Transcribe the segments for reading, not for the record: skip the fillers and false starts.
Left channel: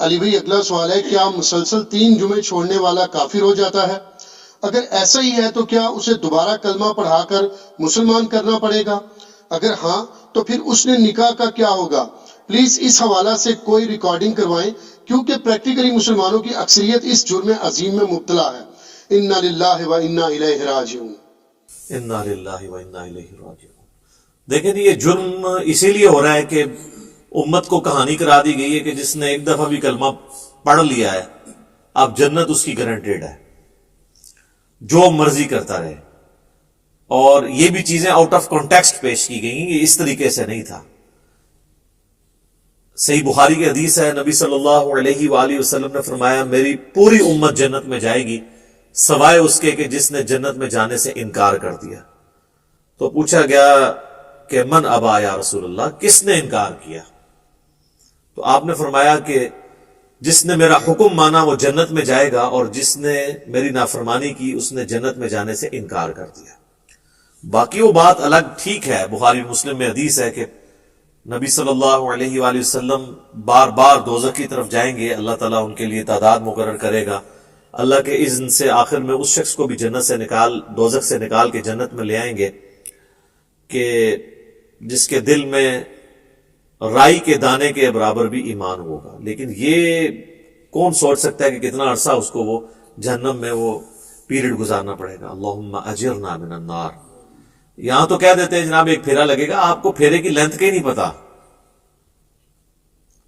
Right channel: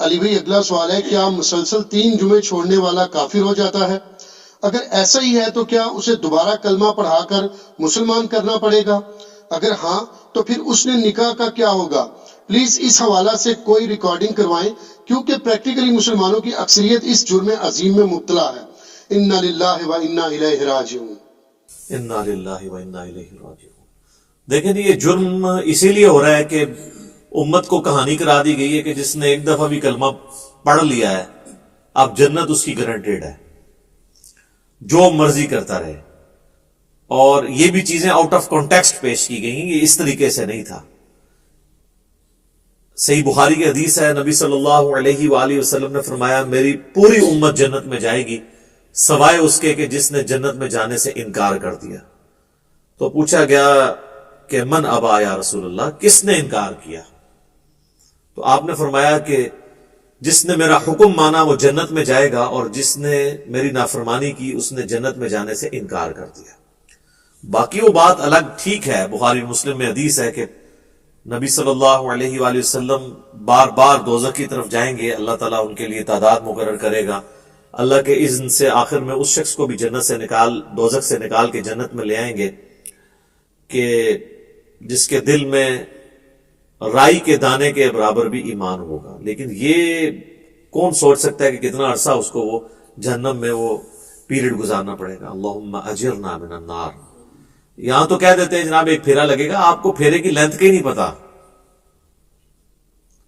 علی بھائی اگلا سوال ہے، کیا مسلسل 3 جمعے چھوڑنے والا کافر ہو جاتا ہے؟ اگر ایسا ہی ہے تو کیا اسے دوبارہ کلمہ پڑھا کر مسلمان کرنا پڑے گا؟ اگر ہاں تو پھر اس نے نکاح کا کیا ہوگا؟ پلیز اس حوالہ سے کوئی ریکارڈنگ کروائیں، کیونکہ پریکٹیکلی مسلمانوں کی اکثریت اس جرم عظیم میں مبتلا ہے۔ انا للہ و انا الیہ راجعون۔ انا للہ و انا الیہ راجعون۔ دیکھیں یہ جرم اسی لیے ہو رہا ہے کہ امت کو کہانی کرا دی گئی ہے کہ جس نے ایک دفعہ بھی کلمہ پڑھ لیا ہے اب جنت اس کی گارنٹیڈ ہے، جو مرضی کرتا رہے۔ اور یہ بھی چیزیں آؤٹ آف کانٹیکسٹ پیش کی گئی، یہ اس طریقے سے نہیں تھا۔ صحیح بخاری کی حدیث ہے، نبی صلی اللہ علیہ وآلہ وسلم نے فرمایا میری پوری امت جنت میں جائے گی سوائے اس کے کہ جس نے جنت میں جانے سے انکار کر دیا۔ تو پوچھا گیا کہ من ابا یا رسول اللہ، کس نے انکار کیا؟ تو آپ نے فرمایا کہ جس نے میرا حکم مانا وہ جنت میں جائے گا، اور جس نے میری نافرمانی کی اس نے جنت میں جانے سے انکار کر دیا۔ باقی وہ بات الگ ٹھیک ہے، بخاری مسلم میں حدیث ہے کہ نبی صلی اللہ علیہ وآلہ وسلم بار بار دوزخ کی طرف جائیں گے، اللہ تعالیٰ ان کے لیے تعداد مقرر کرے گا، اللہ کے اذن سے آخر میں اس شخص کو بھی جنت سے دوزخ سے نکال کے جنت میں لے آئیں گے کہ جس کے دل میں رائی کے دانے کے برابر بھی ایمان ہوگا۔ لیکن یہ کون سوچ سکتا ہے کہ کتنا عرصہ اس کو وہ جہنم میں وہ پیریڈ گزارنا پڑے گا۔ اللہم اجرنا من النار۔ یہاں تو کہہ دیتے ہیں جناب ایک پھیرا لگے گا، آپ کو پھیرے کی لینتھ کے نہیں پتا۔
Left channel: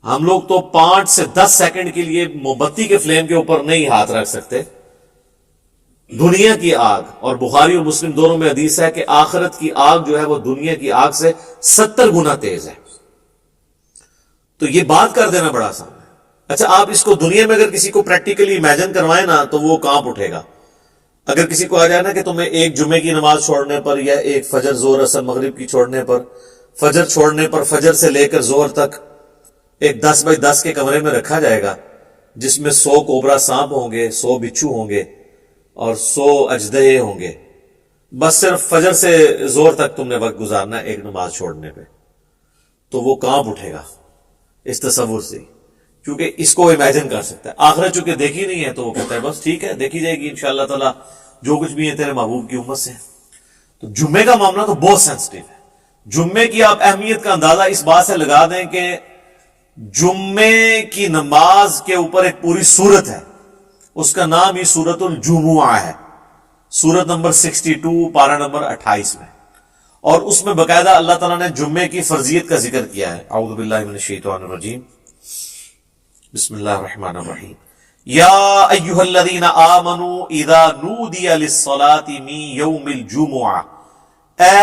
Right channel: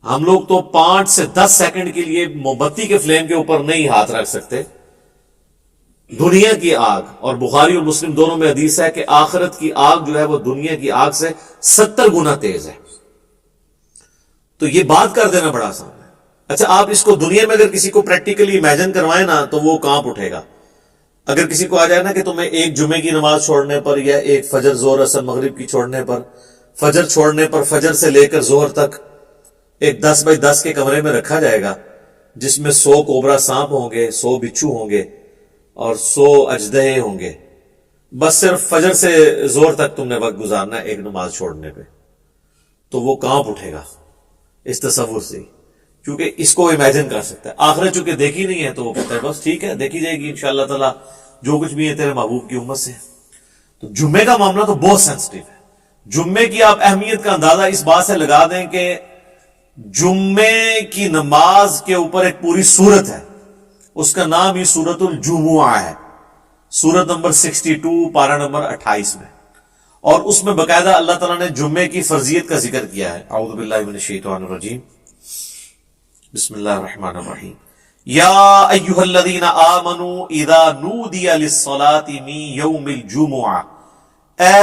ہم لوگ تو 5 سے 10 سیکنڈ کے لیے موم بتی کے فلیم کے اوپر نہیں ہاتھ رکھ سکتے۔ دنیا کی آگ، اور بخاری اور مسلم دونوں میں حدیث ہے کہ آخرت کی آگ جو ہے وہ دنیا کی آگ سے 70 گنا تیز ہے۔ تو یہ بات کر دینا بڑا آسان ہے۔ اچھا آپ اس کو دنیا میں اگر کسی کو پریکٹیکلی امیجن کروائیں نا تو وہ کانپ اٹھے گا۔ اگر کسی کو آ جائے نا کہ تمہیں ایک جمعے کی نماز چھوڑنے پر، یا ایک فجر زور اثر مغرب کی چھوڑنے پر، فجر چھوڑنے پر فجر سے لے کر ظہر تک ایک 10 بائی 10 کے کمرے میں رکھا جائے گا جس میں 100 کوبرا سانپ ہوں گے، 100 بچھو ہوں گے اور 100 اژدہے ہوں گے، بس صرف فجر سے ظہر تک تم نے وقت گزارنا ہے ایک نماز چھوڑنے پہ، تو وہ کانپ اٹھے گا اس تصور سے، کیونکہ اس کو امیجن کر سکتا ہے۔ آخرت چونکہ دیکھی نہیں ہے تو وہ کہتا ہے بس ٹھیک ہے دیکھی جائے گی انشاءاللہ تعالی، جو کچھ بھی ہے تیرے محبوب کی امت سے۔ تو جمعے کا معاملہ تو بہت سینسٹیو ہے۔ جمعے کی آپ اہمیت کا اندازہ اس بات سے لگا دیں کہ جمعے کی نماز کے اوپر ایک پوری سورت ہے، اس کا نام ہی سورت الجمعہ ہے، سورت نمبر 62 پارہ نمبر 28 میں، اور اس میں باقاعدہ اللہ تعالیٰ نے جمعے کی فرضیت کا ذکر کیا ہے۔ اعوذ باللہ من الشیطان الرجیم، بسم اللہ الرحمن الرحیم، یا ایہا الذین آمنوا اذا نودی للصلاة من یوم الجمعہ، اے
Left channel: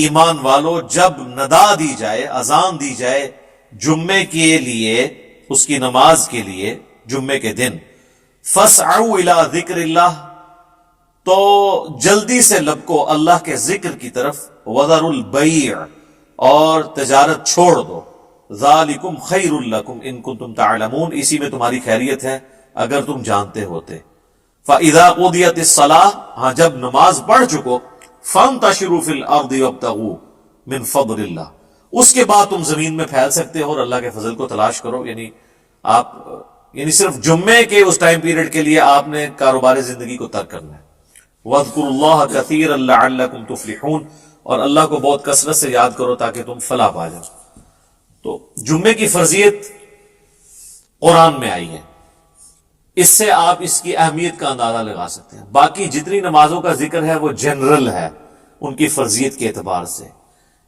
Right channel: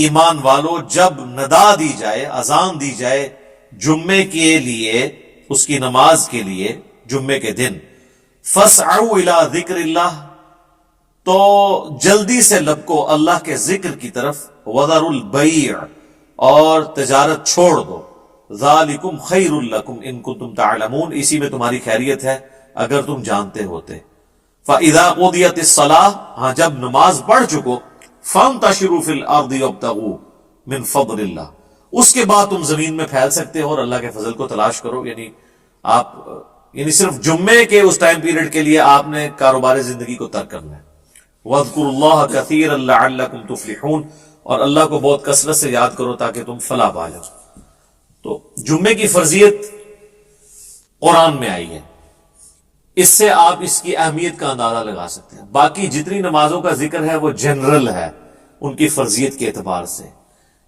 ایمان والو جب ندا دی جائے، اذان دی جائے جمعے کے لیے، اس کی نماز کے لیے جمعے کے دن، فاسعوا الی ذکر اللہ، تو جلدی سے لبکو اللہ کے ذکر کی طرف، وذروا البیع، اور تجارت چھوڑ دو، ذالکم خیر لکم ان کنتم تعلمون، اسی میں تمہاری خیریت ہے اگر تم جانتے ہوتے۔ فاذا قضیت الصلاۃ، ہاں جب نماز پڑھ چکو، فانتشروا فی الارض وابتغوا من فضل اللہ، اس کے بعد تم زمین میں پھیل سکتے ہو اور اللہ کے فضل کو تلاش کرو۔ یعنی صرف جمعے کے اس ٹائم پیریڈ کے لیے آپ نے کاروبار زندگی کو ترک کرنا ہے۔ وَاذْكُرُوا اللَّهَ كَثِيرًا لَعَلَّكُمْ تُفْلِحُونَ، اور اللہ کو بہت کثرت سے یاد کرو تاکہ تم فلاح پا جاؤ۔ تو جمعے کی فرضیت قرآن میں آئی ہے، اس سے آپ اس کی اہمیت کا اندازہ لگا سکتے ہیں۔ باقی جتنی نمازوں کا ذکر ہے وہ جنرل ہے ان کی فرضیت کے اعتبار سے،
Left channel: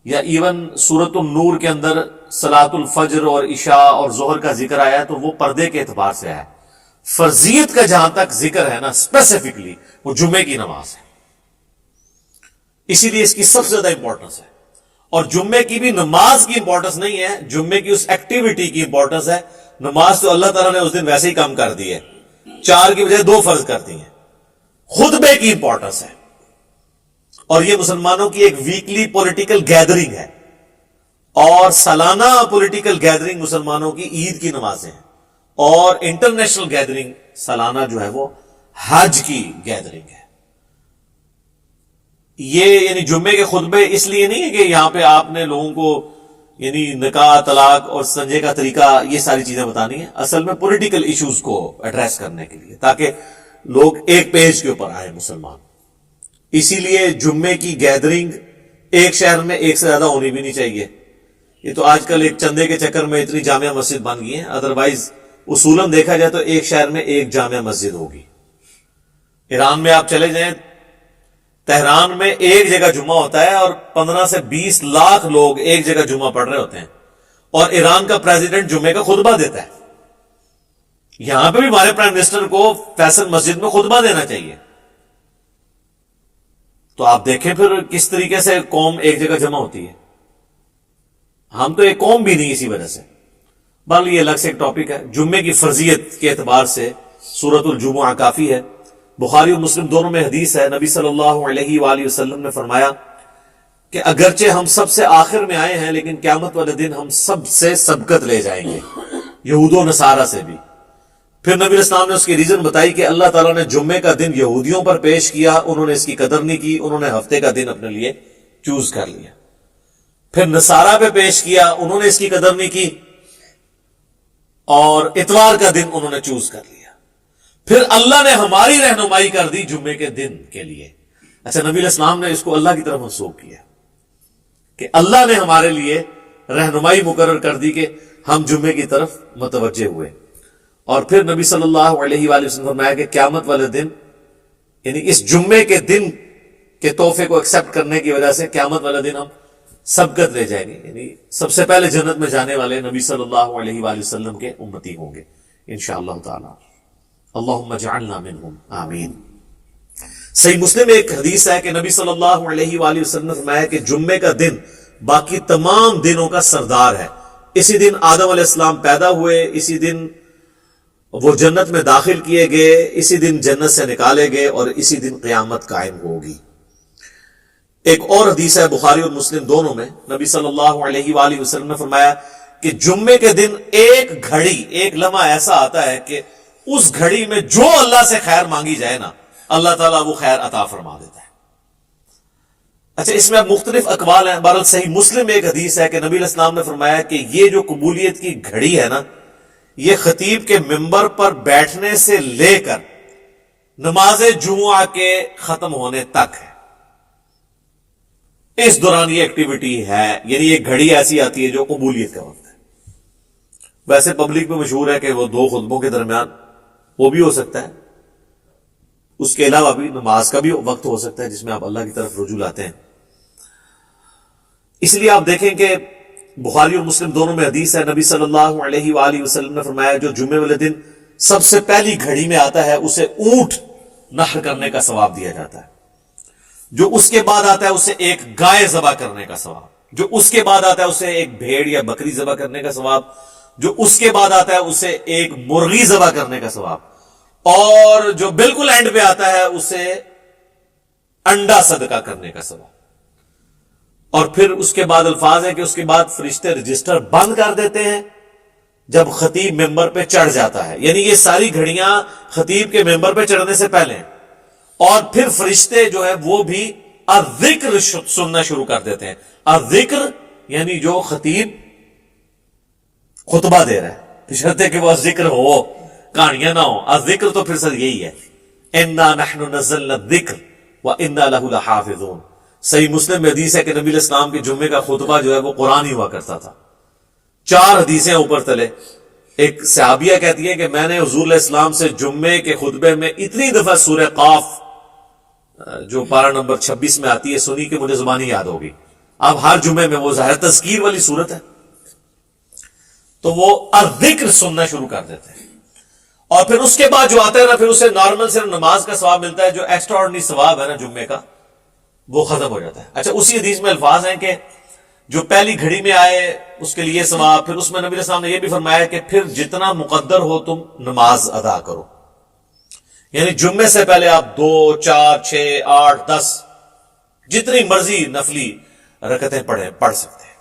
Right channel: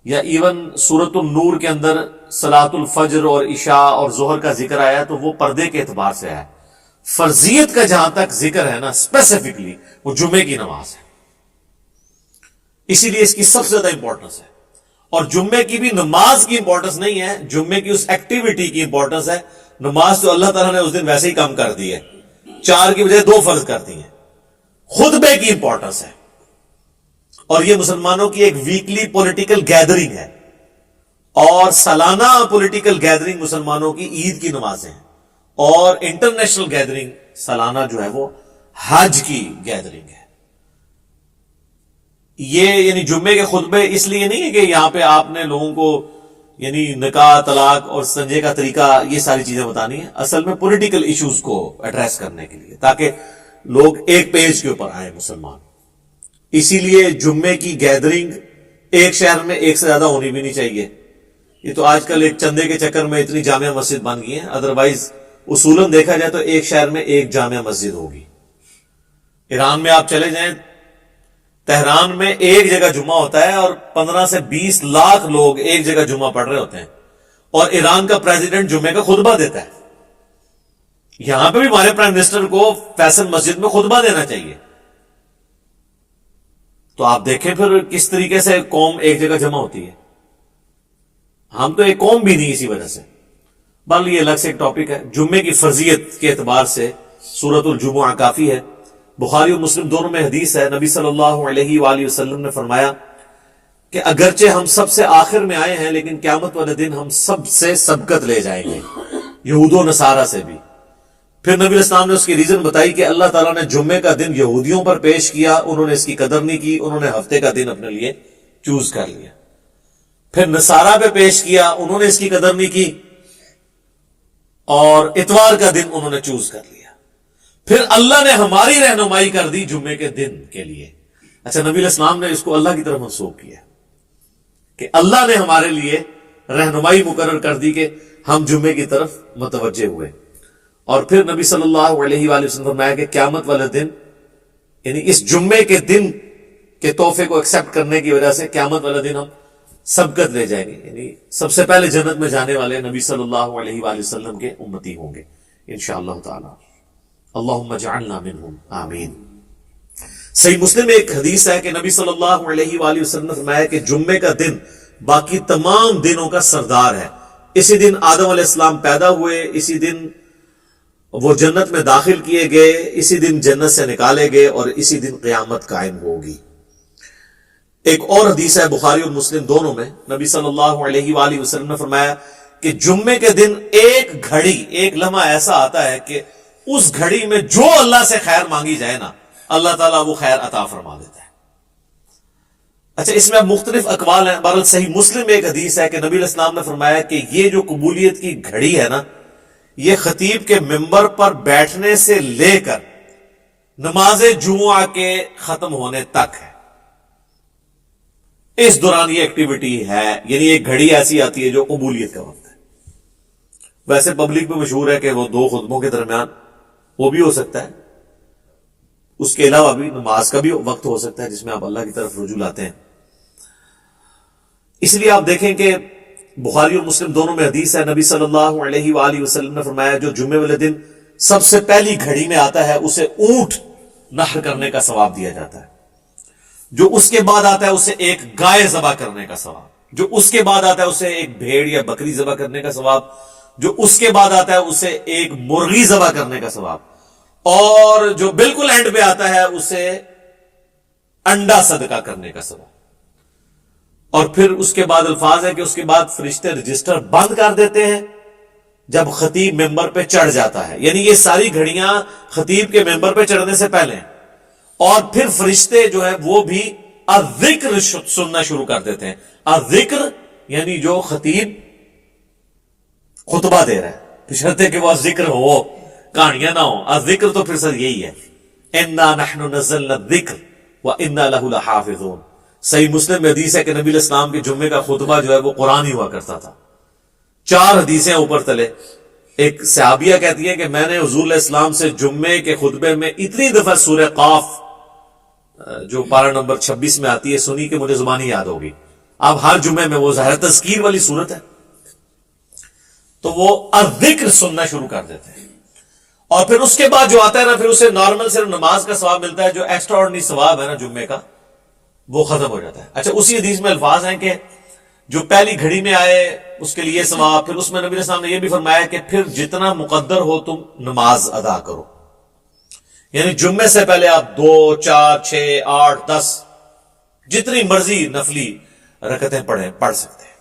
یا ایون سورۃ النور کے اندر صلاۃ الفجر اور عشاء اور ظہر کا ذکر آیا تو وہ پردے کے اعتبار سے آیا۔ فرضیت کا جہاں تک ذکر ہے نا اسپیسیفکلی وہ جمعے کی نماز ہے، اسی لیے اس کی سب سے زیادہ امپورٹنس ہے۔ اور جمعے کی بھی نماز کی امپورٹنس نہیں ہے، جمعے کی اس ایکٹیویٹی کی امپورٹنس ہے۔ نماز تو اللہ تعالیٰ نے اس دن ویسے ہی کم کر دی ہے، 4 کی بجائے 2 فرض کر دی ہیں۔ خطبے کی امپورٹنس ہے، اور یہ مسلمانوں کی ایک ویکلی پولیٹیکل گیدرنگ ہے، اور سالانہ پولیٹیکل گیدرنگ مسلمانوں کی عید کی نمازیں ہیں، اور انٹرنیشنل گیدرنگ سالانہ جو ہے وہ حج کی گیدرنگ ہے۔ یہ یعنی جمعے کے خطبے اس لیے نہیں ہے کہ یہاں پہ آپ نے لوگوں کو یعنی نکاح، طلاق اور سنجے کا طریقہ، یہ ساری چیزیں بتانی ہیں اصل میں پولیٹیکل ایشوز کو ایڈریس کرنے کے لیے، تاکہ لوگ ایک پیج کے اوپر آئیں مسلمان۔ اسی لیے جمعے کی گیدرنگ ایک شہر میں ایک سے زیادہ ہونی بھی نہیں چاہیے۔ یہ تو آج کل ایک چندے کے چکر میں اتنی جامع مسجد بن گئی ہیں، ادروائز اصولاً دیکھا جائے تو ایک شہر میں ایک جامع مسجد ہوگی۔ ایران میں آپ چلے جائیں، تہران میں ایک جگہ جمعہ ہوتا ہے اور 15 سے 20 لاکھ لوگ ایک جگہ جمعہ پڑھ رہے ہوتے ہیں، اور ایران کا پریزیڈنٹ جمعے کا خطبہ دیتا ہے۔ یہاں پہ بھی ہمارے پرائم منسٹر کو فیصل مسجد میں خطبہ دینا چاہیے۔ تو آپ دیکھیں پھر کس طریقے سے قوم ایک جگہ جمع ہوتی ہے۔ ہم تو ایک قوم بھی نہیں اسی وجہ سے۔ بہرحال یہ الگ سے ایک ٹاپک ہے۔ جمعے کی فرضیت کے اعتبار سے سورۃ الجمعہ کافی ہے۔ بخاری اور مسلم دونوں میں حدیث ہے، نبی صلی اللہ علیہ وآلہ وسلم نے فرمایا کہ اگرچہ ہم سب سے آخر میں آئے ہیں لیکن قیامت والے دن ہم سب سے سبقت لے جائیں گے، یہود و نصارہ سے بھی۔ پھر نبی اسلام نے اس کی ریزن بتائی کہ اللہ تعالیٰ نے جمعے کا دن یہودیوں پر پیش کیا، انہوں نے اس کی قدر نہیں کی، انہوں نے ہفتے کا دن اپنے لیے چوز کر لیا۔ پھر نصارہ پہ پیش کیا، انہوں نے اس کی قدر نہیں کی، اور اتوار کا دن انہوں نے چوز کر لیا۔ پھر اللہ نے ہماری رہنمائی کر دی جمعے کے دن کے لیے۔ اچھا، نبی علیہ السلام نے اس کو اللہ کی طرف منسوب کیا کہ اللہ نے ہمارے لیے رہنمائی مقرر کر دی کہ ہم جمعے کی طرف متوجہ ہوئے۔ اور پھر نبی صلی اللہ علیہ وآلہ وسلم فرمایا کہ قیامت والے دن، یعنی اس جمعے کے دن کے تحفے کو ایکسپٹ کرنے کی وجہ سے قیامت والے دن ہم سبقت لے جائیں گے، یعنی سب سے پہلے جنت میں جانے والے نبی صلی اللہ علیہ وآلہ وسلم کے امتی ہوں گے انشاءاللہ تعالی۔ اللہم اجعلنا منہم، آمین۔ صحیح مسلم میں ایک حدیث ہے کہ نبی صلی اللہ علیہ وآلہ وسلم نے فرمایا کہ جمعے کا دن باقی تمام دنوں کا سردار ہے۔ اسی دن آدم علیہ السلام پیدا ہوئے، اسی دن وہ جنت میں داخل کیے گئے، اسی دن جنت سے نکالے گئے، اور اسی دن قیامت قائم ہوگی۔ ایک اور حدیث ہے بخاری اور مسلم دونوں میں، نبی صلی اللہ علیہ وآلہ وسلم نے فرمایا کہ جمعے کے دن ایک گھڑی، ایک لمحہ ایسا آتا ہے کہ اس گھڑی میں جو اللہ سے خیر مانگی جائے نا، اللہ تعالیٰ وہ خیر عطا فرما دیتا ہے۔ اچھا، اس میں اب مختلف اقوال ہیں۔ بہرحال صحیح مسلم میں ایک حدیث ہے کہ نبی علیہ السلام نے فرمایا کہ یہ جو قبولیت کی گھڑی ہے نا، یہ خطیب کے ممبر پر بیٹھنے سے لے کر نماز جمعہ کے ختم ہونے تک ہے۔ اس دوران یہ ایکٹیویٹی ہے، یعنی ایک گھڑی ایسی آتی ہے جو قبولیت کا وقت ہے۔ ویسے پبلک میں مشہور ہے کہ وہ دو خطبوں کے درمیان وہ بھی ہو سکتا ہے، اس کے علاوہ بھی نماز کا بھی وقت ہو سکتا ہے جس میں آپ اللہ کی طرف رجوع لاتے ہیں۔ اس لیے آپ دیکھیں کہ بخاری اور مسلم دونوں میں حدیث ہے، نبی صلی اللہ علیہ وآلہ وسلم نے فرمایا جو جمعے والے دن سب سے پہلی گھڑی میں آتا ہے اسے اونٹ نحر کرنے کا ثواب دیا جاتا ہے، جو اس کے بعد آتا ہے اسے ایک گائے ذبح کرنے کا ثواب، جو اس کے بعد آتا ہے اسے ایک بھیڑ یا بکری ذبح کرنے کا ثواب، جو اس کے بعد آتا ہے اسے ایک مرغی ذبح کرنے کا ثواب، اور جو بالکل اینڈ پہ آتا ہے اسے انڈا صدقہ کرنے کا ثواب۔ اور پھر اس کے بعد الفاظ ہے کہ اس کے بعد فرشتے رجسٹر بند کر دیتے ہیں جب خطیب ممبر پہ چڑھ جاتا ہے، یعنی یہ ساری گھڑیاں خطیب کے ممبر پہ چڑھنے سے پہلے ہیں۔ اور پھر فرشتے جو ہے وہ بھی الذکر سننا شروع کر دیتے ہیں۔ الذکر یعنی جو خطیب خطبہ دے رہا ہے، بشرطے کہ وہ ذکر ہو، کہانیاں نہ ہو۔ الذکر تو پھر سر یہی ہے، انا نحن نزلنا الذکر وانا له لحافظون۔ صحیح مسلم میں حدیث ہے کہ نبی علیہ السلام کے جمعے کا خطبہ جو ہے وہ قرآن ہی ہوا کرتا تھا۔ 4 حدیثیں اوپر تلے۔ ایک صحابیہ کہتی ہے کہ میں نے حضور علیہ السلام سے جمعے کے خطبے میں اتنی دفعہ سورہ قاف جو پارہ نمبر 26 میں آتی ہے سنی کہ مجھے زبانی یاد ہوگی۔ اب ہر جمعے میں وہ ظاہر تذکیر والی صورت ہے تو وہ الذکر سننا شروع کر دیتے ہیں، اور پھر اس کے بعد جو آتا ہے نا پھر اسے نارمل صرف نماز کا ثواب ملتا ہے، جو ایکسٹرا آرڈنری ثواب ہے نا جمعے کا وہ ختم ہو جاتا ہے۔ اچھا، اسی حدیث میں الفاظ ہیں کہ جو پہلی گھڑی میں آئے اس کے لیے ثواب، پھر اس میں نبی علیہ السلام نے یہ بھی فرمایا کہ پھر جتنا مقدر ہو تم نماز ادا کرو، یعنی جمعے سے پہلے آپ 2 4 6 8 10 جتنی مرضی نفلی رکعتیں پڑھ سکتے ہیں۔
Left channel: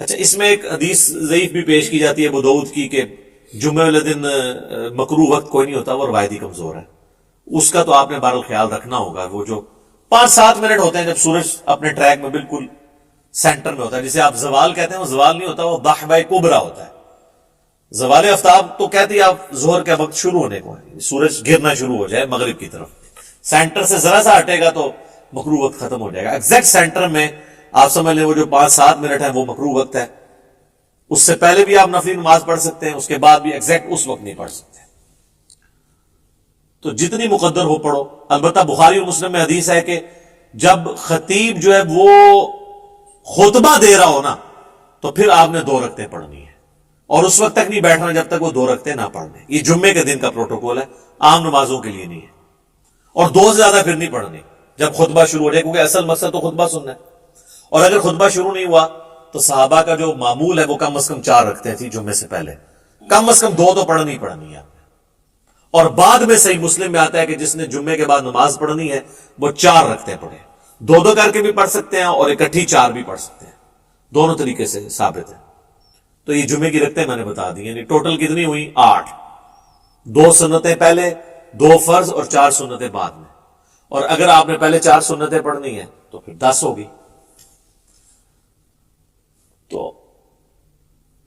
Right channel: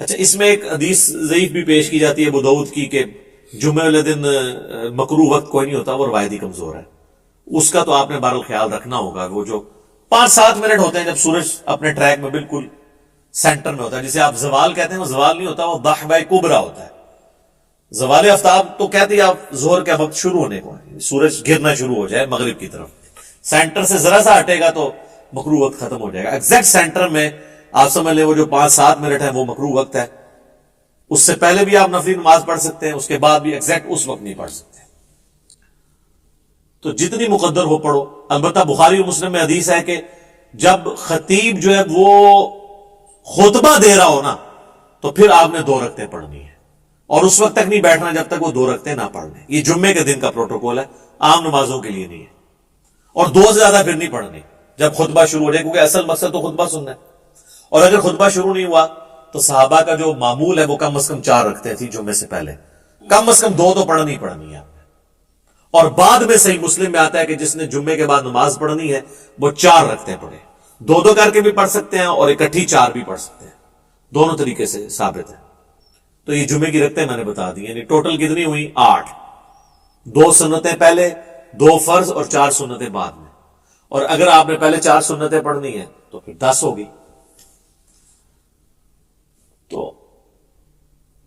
اچھا، اس میں ایک حدیث ضعیف بھی پیش کی جاتی ہے ابو داؤد کی کہ جمعے والے دن مکروہ وقت کوئی نہیں ہوتا، وہ روایتی کمزور ہے، اس کا تو آپ نے بہرحال خیال رکھنا ہوگا۔ وہ جو 5-7 منٹ ہوتے ہیں جب سورج اپنے ٹریک میں بالکل سینٹر میں ہوتا ہے. جسے آپ زوال کہتے ہیں، وہ زوال نہیں ہوتا، وہ ضحبہ کبریٰ ہوتا ہے. زوال آفتاب تو کہتے ہیں آپ ظہر کے وقت شروع ہونے کو ہے، سورج گرنا شروع ہو جائے مغرب کی طرف. سینٹر سے ذرا سا ہٹے گا تو مکروہ وقت ختم ہو جائے گا. ایگزیکٹ سینٹر میں آپ سمجھ لیں وہ جو 5-7 منٹ ہے وہ مکروہ وقت ہے. اس سے پہلے بھی آپ نفلی نماز پڑھ سکتے ہیں، اس کے بعد بھی ایگزیکٹ اس وقت نہیں پڑھ سکتے. تو جتنی مقدر ہو پڑھو. البتہ بخاری اور مسلم میں حدیث ہے کہ جب خطیب جو ہے وہ خطبہ دے رہا ہو نا تو پھر آپ نے 2 رکعتیں پڑھنی ہے، اور اس وقت تک نہیں بیٹھنا جب تک وہ 2 رکعتیں نہ پڑھ لیں. یہ جمعے کے دن کا پروٹوکول ہے، عام نمازوں کے لیے نہیں ہے. اور 2 سے زیادہ پھر نہیں پڑھنی جب خطبہ شروع ہو جائے، کیونکہ اصل مقصد تو خطبہ سننا ہے. اور اگر خطبہ شروع نہیں ہوا تو صحابہ کا جو معمول ہے وہ کم از کم 4 رکعتیں تھی جمعے سے پہلے، کم از کم 2 تو پڑھنی ہے. اور بعد میں صحیح مسلم میں آتا ہے کہ جس نے جمعے کے بعد نماز پڑھنی ہے وہ 4 رکعتیں پڑھے. 2 کر کے بھی پڑھ سکتے ہیں اور اکٹھی 4 بھی پڑھ سکتے ہیں، دونوں طریقے سے ثابت ہے. تو یہ جمعے کی رکعتیں میں نے بتا دی، یعنی ٹوٹل کتنی ہوئی؟ 8. 2 سنتیں پہلے، 2 فرض اور 4 سنتیں بعد میں. اور اگر آپ نے پہلے 4 سنتیں پڑھنی ہیں تو پھر 10 ہوگی. تو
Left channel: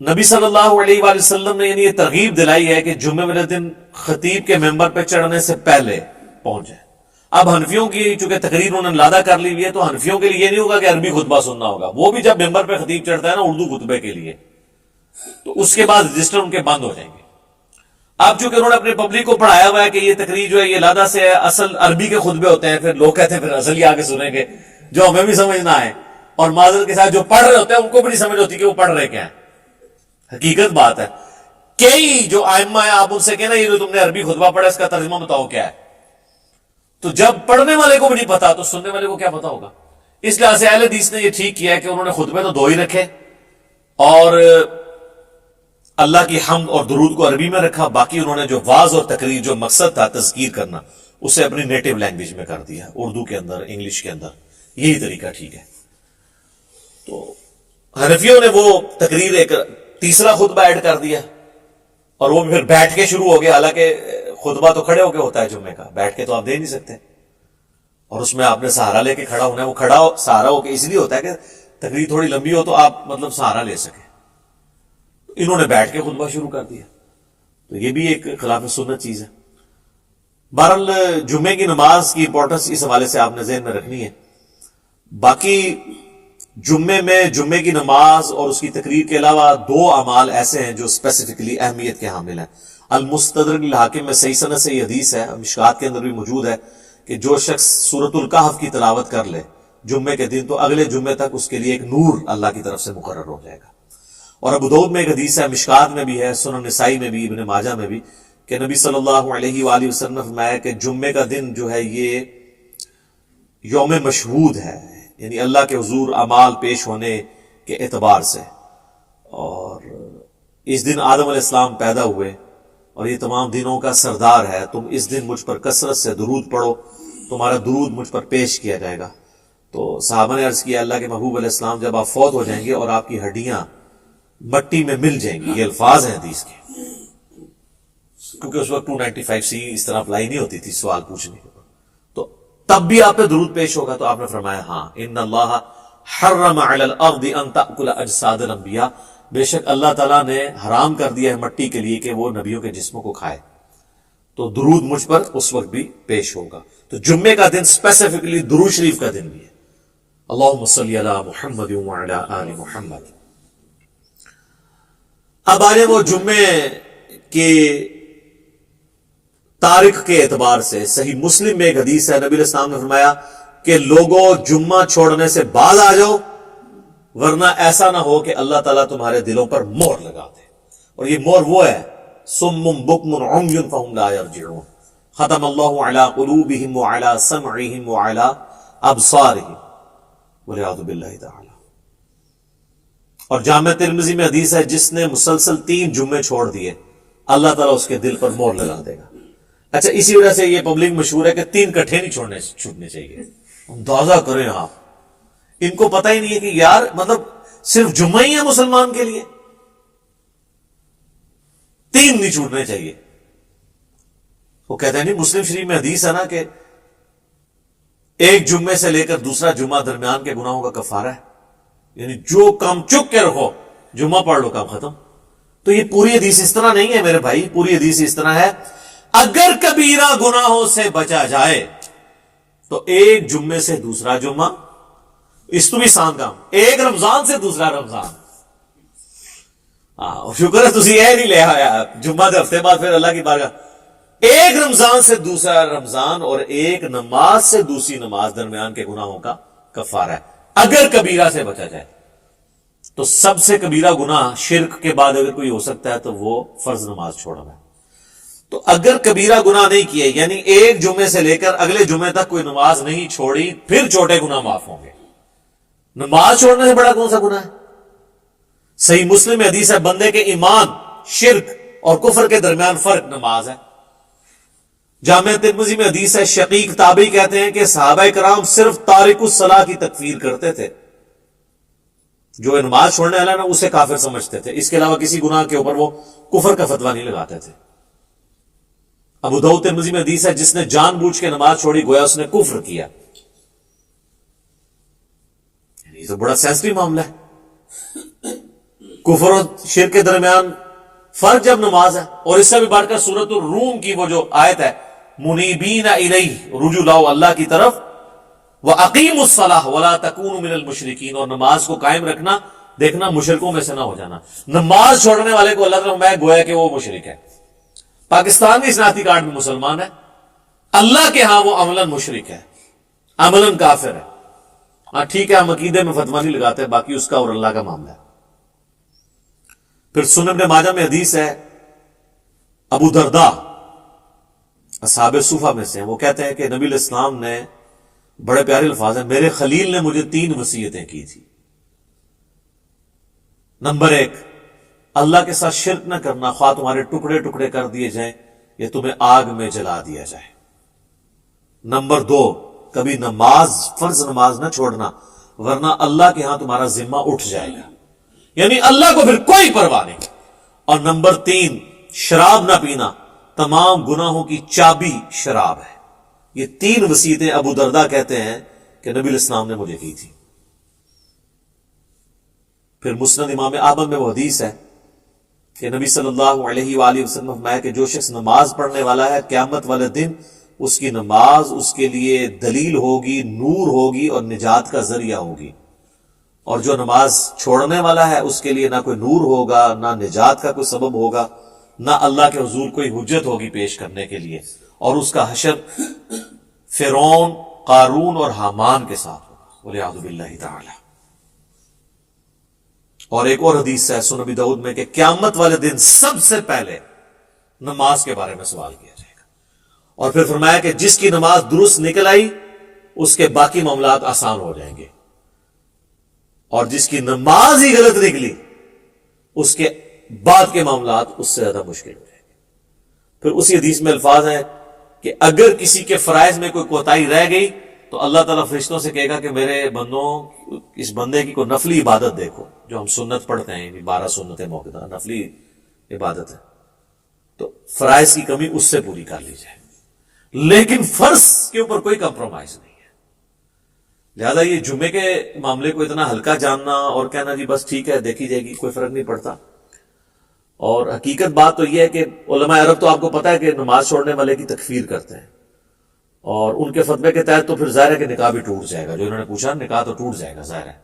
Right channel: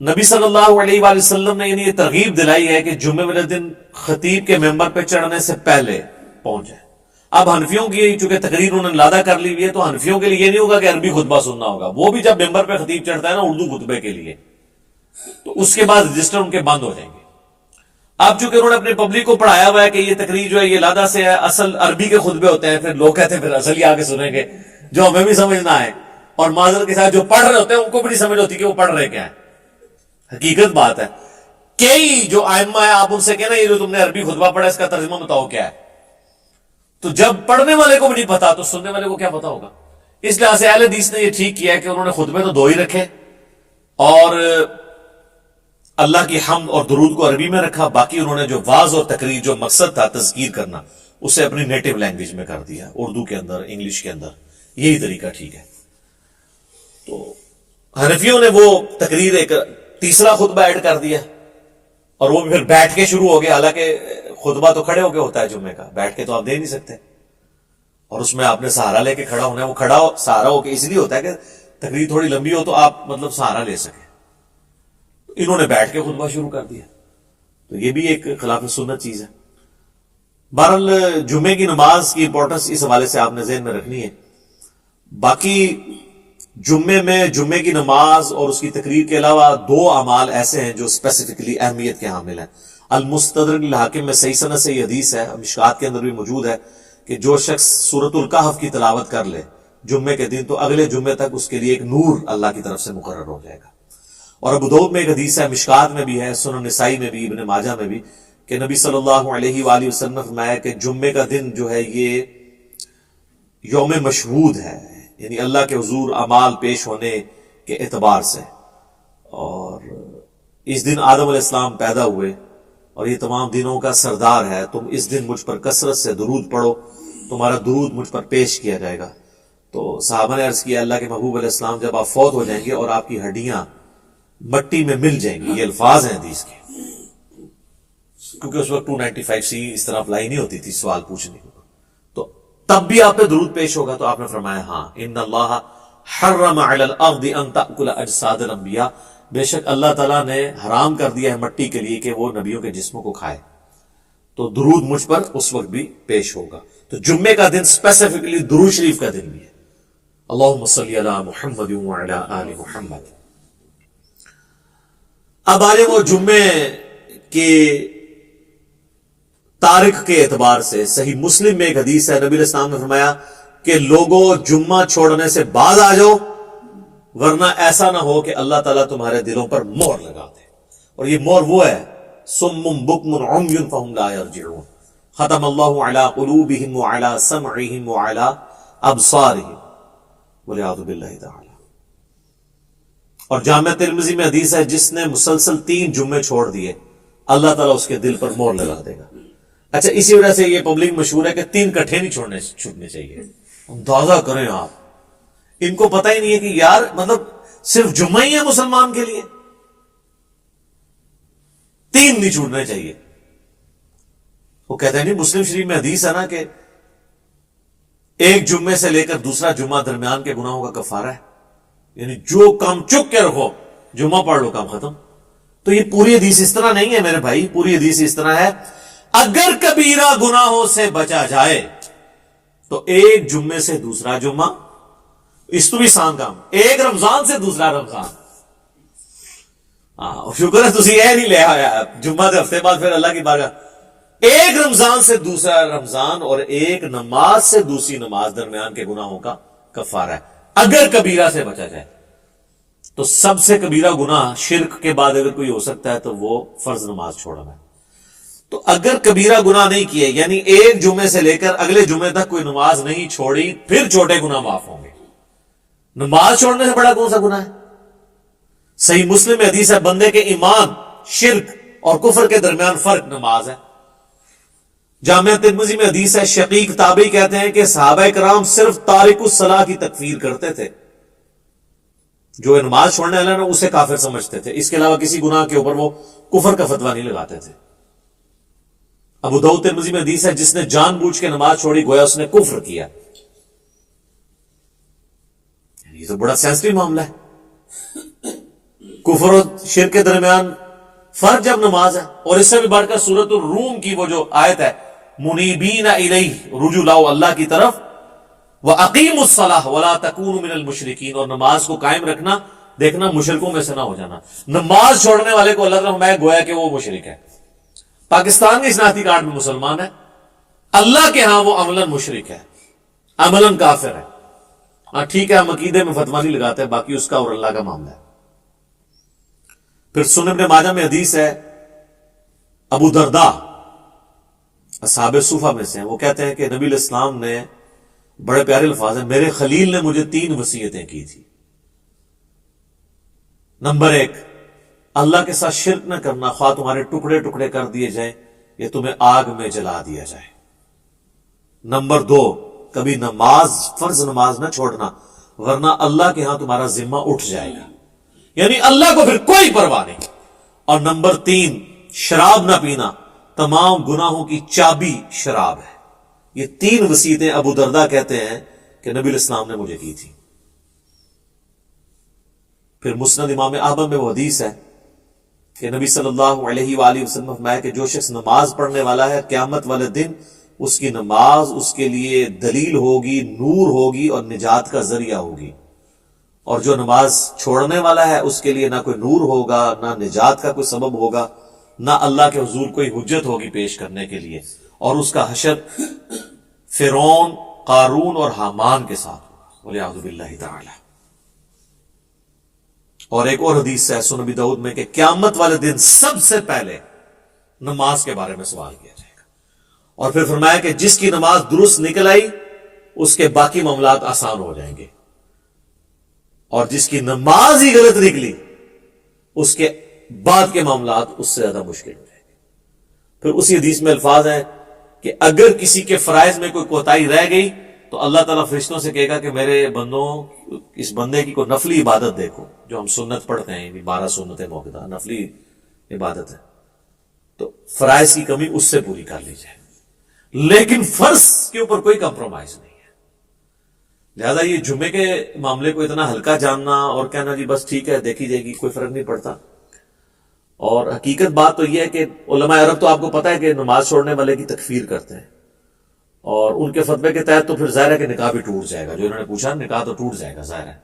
نبی صلی اللہ علیہ وآلہ وسلم نے یعنی یہ ترغیب دلائی ہے کہ جمعے والے دن خطیب کے ممبر پہ چڑھنے سے پہلے پہنچ جائے. اب حنفیوں کی چونکہ تقریر انہوں نے لادہ کر لی ہوئی ہے تو حنفیوں کے لیے یہ نہیں ہوگا کہ عربی خطبہ سننا ہوگا. وہ بھی جب ممبر پہ خطیب چڑھتا ہے نا اردو خطبے کے لیے، تو اس کے بعد رجسٹر ان کے بند ہو جائیں گے. اب چونکہ انہوں نے اپنے پبلک کو پڑھایا ہوا ہے کہ یہ تقریر جو ہے یہ لادہ سے ہے، اصل عربی کے خطبے ہوتے ہیں، پھر لوگ کہتے ہیں پھر اصل ہی آگے سنیں گے جو ہمیں بھی سمجھ نہ آئے. اور معذرت کے ساتھ جو پڑھ رہے ہوتے ہیں ان کو بھی نہیں سمجھ ہوتی کہ وہ پڑھ رہے کیا ہے. حقیقت بات ہے، کئی جو ائمہ ہے آپ ان سے کہنا یہ جو تم نے عربی خطبہ پڑھا اس کا ترجمہ بتاؤ کیا ہے. تو جب پڑھنے والے کو بھی نہیں پتا تو سننے والے کو کیا پتا ہوگا. اس لحاظ سے اہل حدیث نے یہ ٹھیک کیا ہے کہ انہوں نے خطبے تو 2 ہی رکھے اور اللہ کی حمد اور درود کو عربی میں رکھا، باقی انہوں نے جو واعظ اور تقریر جو مقصد تھا تذکیر کرنا اسے اپنی نیٹو لینگویج میں کر دیا، اردو کے اندر، انگلش کے اندر. یہی طریقہ ٹھیک ہے. تو حنفیوں نے وہ تقریر ایک تیسرا خطبہ ایڈ کر دیا اور وہ پھر بیٹھ کے شروع ہو گیا. حالانکہ خطبہ تو کھڑے ہو کے ہوتا ہے جمعے کا، بیٹھ کے تو آپ دے نہیں سکتے. اور اس میں آپ نے سہارا لے کے کھڑا ہونا ہے. وہ کھڑا ہو سہارا ہو کے اس لیے ہوتا ہے کہ تقریر تھوڑی لمبی ہو تو آپ مطلب سہارا لے سکیں. انہوں نے بیٹھ کے خطبہ شروع کر دیا، تو یہ بھی ایک خلاف سنت چیز ہے. بہرحال جمعے کی نماز کی امپورٹنس اس حوالے سے آپ نے ذہن میں رکھنی ہے. باقی جمعے میں جمعے کی نماز اور اس کی تقریر کے علاوہ 2 اعمال ایسے ہیں جو اسپیسیفکلی اہمیت کے حامل ہیں. المستدرک للحاکم میں صحیح سند سے یہ حدیث ہے، مشکات کے اندر بھی موجود ہے، کہ جو شخص سورۃ الکہف کی تلاوت کر لے جمعے کے دن تو اگلے جمعے تک اس کے لیے ایک نور اللہ کی طرف سے مقرر ہو جائے گا. اور ابو داؤد میں ایک حدیث ہے، مشکات میں بھی ہے، سنن نسائی میں بھی، ابن ماجہ میں بھی، کہ نبی صلی اللہ علیہ وآلہ وسلم نے فرمایا کہ جمعے کا دن جو ہے یہ یوم مشہود ہے، یعنی اللہ کے حضور اعمال پیش ہونے کے اعتبار سے. اور اس دن آدم علیہ السلام پیدا ہوئے اور یہ تمام دنوں کا سردار ہے. تم اس دن مجھ پر کثرت سے درود پڑھو، تمہارا درود مجھ پر پیش کیا جائے گا. تو صحابہ نے عرض کیا اللہ کے محبوب علیہ السلام جب آپ فوت ہو جائیں گے اور آپ کی ہڈیاں مٹی میں مل جائیں گی، یہ الفاظ ہیں حدیث کے، کیونکہ اس وقت 295C اس طرح اپلائی نہیں ہوتی تھی سوال پوچھنے کے، تو تب بھی آپ پہ درود پیش ہوگا. تو آپ نے فرمایا ہاں، ان اللہ حرم علی الارض ان تأکل اجساد الانبیاء، بے شک اللہ تعالیٰ نے حرام کر دیا ہے مٹی کے لیے کہ وہ نبیوں کے جسموں کو کھائے. تو درود مجھ پر اس وقت بھی پیش ہوگا. تو جمعے کا دن اسپیسیفکلی درود شریف کا دن بھی ہے. اللہم صلی علی محمد وعلی آل محمد. اب آئے وہ جمعے کے تاریخ کے اعتبار سے صحیح مسلم میں ایک حدیث ہے، نبی علیہ السلام نے فرمایا کہ لوگوں جمعہ چھوڑنے سے بعد آ جاؤ ورنہ ایسا نہ ہو کہ اللہ تعالیٰ تمہارے دلوں پر مہر لگا دے. اور یہ مہر وہ ہے صم بکم عمی فہم لا یرجعون، ختم اللہ علی قلوبہم وعلی سمعہم وعلی ابصارہم والعیاذ باللہ تعالی. اور جامع ترمذی میں حدیث ہے جس نے مسلسل 3 جمعے چھوڑ دیے اللہ تعالیٰ اس کے دل پر مہر لگا دے گا. اچھا، اسی وجہ سے یہ پبلک مشہور ہے کہ 3 کٹھے نہیں چھوٹنے چاہیے. اندازہ کریں آپ، ان کو پتہ ہی نہیں ہے کہ یار مطلب صرف جمعہ ہی ہے مسلمان کے لیے، 3 نہیں چھوٹنے چاہیے. وہ کہتے ہیں نہیں، مسلم شریف میں حدیث ہے نا کہ ایک جمعے سے لے کر دوسرا جمعہ درمیان کے گناہوں کا کفارہ ہے. یعنی جو کام چک کے رکھو، جمعہ پڑھ لو، کام ختم. تو یہ پوری حدیث اس طرح نہیں ہے میرے بھائی، پوری حدیث اس طرح ہے اگر کبیرہ گناہوں سے بچا جائے تو ایک جمعے سے دوسرا جمعہ، اس تو بھی سان کام، ایک رمضان سے دوسرا رمضان. شکر ہے تسی یہ نہیں لے آیا جمعہ دے ہفتے بعد پھر اللہ کی بارگاہ. ایک رمضان سے دوسرا رمضان اور ایک نماز سے دوسری نماز درمیان کے گناہوں کا کفارہ ہے اگر کبیرہ سے بچا جائے. تو سب سے کبیرہ گناہ شرک کے بعد اگر کوئی ہو سکتا ہے تو وہ فرض نماز چھوڑنا ہے. تو اگر کبیرہ گناہ نہیں کیے، یعنی ایک جمعے سے لے کر اگلے جمعے تک کوئی نماز نہیں چھوڑی، پھر چھوٹے گناہ معاف ہوں گے. نماز چھوڑنے سے بڑا کون سا گناہ ہے؟ صحیح مسلم میں حدیث ہے بندے کے ایمان، شرک اور کفر کے درمیان فرق نماز ہے. جامعہ ترمذی میں حدیث ہے شقیق تابعی کہتے ہیں کہ صحابہ کرام صرف تارک الصلاح کی تکفیر کرتے تھے، جو نماز چھوڑنے والا نا اسے کافر سمجھتے تھے، اس کے علاوہ کسی گناہ کے اوپر وہ کفر کا فتویٰ نہیں لگاتے تھے. ابو داؤد ترمذی میں حدیث ہے جس نے جان بوجھ کے نماز چھوڑی گویا اس نے کفر کیا. یہ تو بڑا سینسٹیو معاملہ ہے، کفر اور شرک کے درمیان فرق جب نماز ہے. اور اس سے بھی بڑھ کر سورۃ الروم کی وہ جو آیت ہے منیبین الیہ، رجوع لاؤ اللہ کی طرف، وَأَقِيمُوا الصَّلَاةَ وَلَا تَكُونُوا مِنَ الْمُشْرِكِينَ، اور نماز کو قائم رکھنا، دیکھنا مشرکوں میں سے نہ ہو جانا. نماز چھوڑنے والے کو اللہ تعالیٰ میں گویا کہ وہ مشرک ہے. پاکستان کے شناختی کارڈ میں مسلمان ہے، اللہ کے ہاں وہ عملاً مشرک ہے، عملاً کافر ہے. ہاں ٹھیک ہے، ہم عقیدے میں فتویٰ نہیں لگاتے، باقی اس کا اور اللہ کا معاملہ ہے. پھر سنن ابن ماجہ میں حدیث ہے ابو درداء اصحاب صوفہ میں سے ہیں، وہ کہتے ہیں کہ نبی علیہ السلام نے بڑے پیارے الفاظ ہیں، میرے خلیل نے مجھے 3 وصیتیں کی تھی. نمبر 1، اللہ کے ساتھ شرک نہ کرنا، خواہ تمہارے ٹکڑے ٹکڑے کر دیے جائیں یا تمہیں آگ میں جلا دیا جائے. نمبر 2، کبھی نماز، فرض نماز نہ چھوڑنا ورنہ اللہ کے ہاں تمہارا ذمہ اٹھ جائے گا، یعنی اللہ کو پھر کوئی پرواہ نہیں. اور نمبر 3، شراب نہ پینا، تمام گناہوں کی چابی شراب ہے. یہ 3 وصیتیں ابو درداء کہتے ہیں کہ نبی علیہ السلام نے مجھے کی تھی. پھر مسند امام احمد میں وہ حدیث ہے کہ نبی صلی اللہ علیہ وآلہ وسلم نے فرمایا کہ جو شخص نماز پڑھنے والا ہے قیامت والے دن اس کی نماز اس کے لیے دلیل ہوگی، نور ہوگی اور نجات کا ذریعہ ہوگی. اور جو نماز چھوڑنے والا ہے اس کے لیے نہ کوئی نور ہوگا، نہ نجات کا کوئی سبب ہوگا، نہ اللہ کے حضور کوئی حجت ہوگی پیش کرنے کے لیے. اور اس کا حشر فرعون، قارون اور حامان کے ساتھ ہوگا، والعیاذ باللہ تعالی. اور ایک اور حدیث ہے سنن ابی داؤد میں کہ قیامت والے دن سب سے پہلے نماز کے بارے میں سوال کیا جائے گا. اور پھر فرمایا کہ جس کی نماز درست نکل آئی اس کے باقی معاملات آسان ہو جائیں گے، اور جس کی نماز ہی غلط نکلی اس کے بعد کے معاملات اس سے زیادہ مشکل ہو جائیں گے. پھر اسی حدیث میں الفاظ ہیں کہ اگر کسی کے فرائض میں کوئی کوتاہی رہ گئی تو اللہ تعالیٰ فرشتوں سے کہے گا کہ میرے بندوں اس بندے کی کوئی نفلی عبادت دیکھو، جو ہم سنت پڑھتے ہیں، یعنی 12 سنتیں موقع نفلی عبادت ہے، تو فرائض کی کمی اس سے پوری کر لی جائے. لیکن فرض کے اوپر کوئی کمپرومائز نہیں ہے. لہذا یہ جمعے کے معاملے کو اتنا ہلکا جاننا اور کہنا جی بس ٹھیک ہے دیکھی جائے گی، کوئی فرق نہیں پڑتا. اور حقیقت بات تو یہ ہے کہ علماء عرب تو آپ کو پتا ہے کہ نماز چھوڑنے والے کی تکفیر کرتے ہیں، اور ان کے فتوے کے تحت تو پھر ظاہر ہے کہ نکاح بھی ٹوٹ جائے گا. جو انہوں نے پوچھا نکاح تو ٹوٹ جائے گا ظاہر ہے.